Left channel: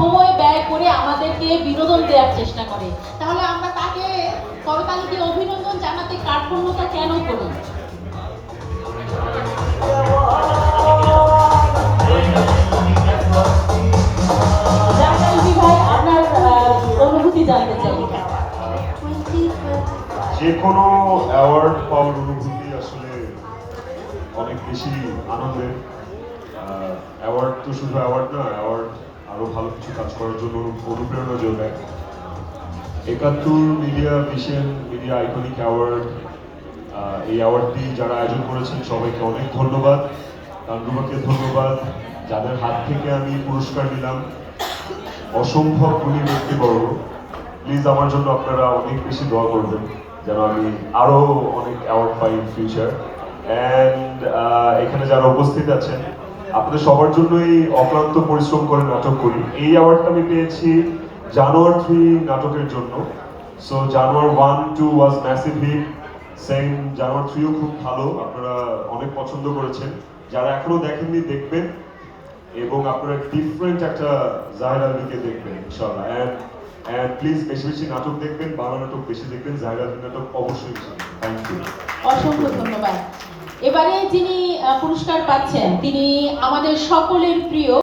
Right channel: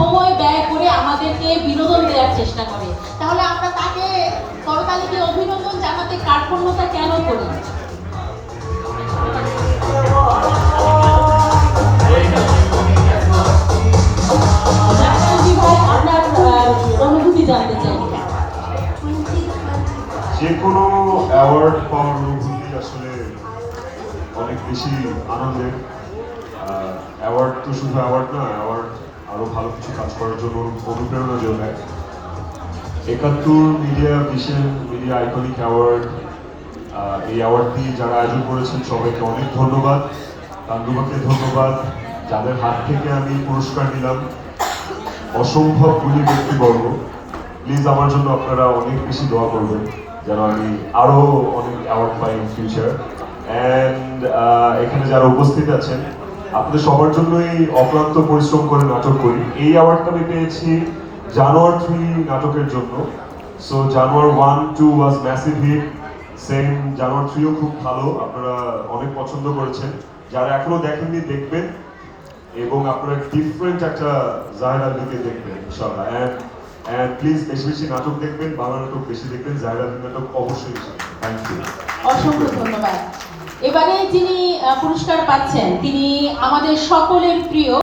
সময় ব্যয় করে আমাদেরকে বিনোদন দেওয়ার চেষ্টা করে, তাহলে আমরা তাকে করতালি দিয়ে অভিনন্দন জানাতে কার্পণ্যতা কেন করি? ভাই, আপনার অনুভূতি জানতে চাই। যে কোনো অ্যাওয়ার্ড পাওয়ার অনুভূতি আসলে অনেক বেশি আনন্দের। অ্যাওয়ার্ড তো শুধু অ্যাওয়ার্ড না, অ্যাওয়ার্ড আরো ভালো কিছু কাজ করার জন্য অনুপ্রেরণা যোগায়। ৭১ media vision media iconic award, এই অ্যাওয়ার্ডটি যারা আয়োজন করেছেন সবাইকে অনেক ধন্যবাদ। তান্দুবাকে ধন্যবাদ, যাদের হাত থেকে আমি পুরস্কার নিলাম, অসম্ভব গুণী ব্যক্তিবর্গ। প্লিজ আমার জন্য আপনারা অনেক বেশি দোয়া করবেন যেন আমি আরো অনেক award pi in future. And এখানে যারা উপস্থিত আছেন, আপনাদের সবার জন্যই অক্লান্ত পরিশ্রম করে নাটক করি। এই অ্যাওয়ার্ডটা আমি পেয়েছি জানোয়ার 3 নাটকের জন্য। সো জানোয়ার 1-2 ওয়াজ ম্যাসিভ হিট, সেম জানোয়ার 3ও খুব ভালো, আপনারা অনেক পছন্দ করেছেন। যারা এখনো দেখেননি দেখবেন, এবং আপনারা ডিফারেন্ট একটা জাহির আলমীকে দেখবেন ইনশাআল্লাহ। অ্যান্ড প্লিজ বেশি বেশি নাটক দেখবেন, বাংলা নাটক বেশি দেখবেন, জাহির আলমী নাটক অবশ্যই। থ্যাংক ইউ, অসংখ্য ধন্যবাদ। এবারে যিনি পুরস্কার পাচ্ছেন তিনি আমাদের সকলের প্রিয়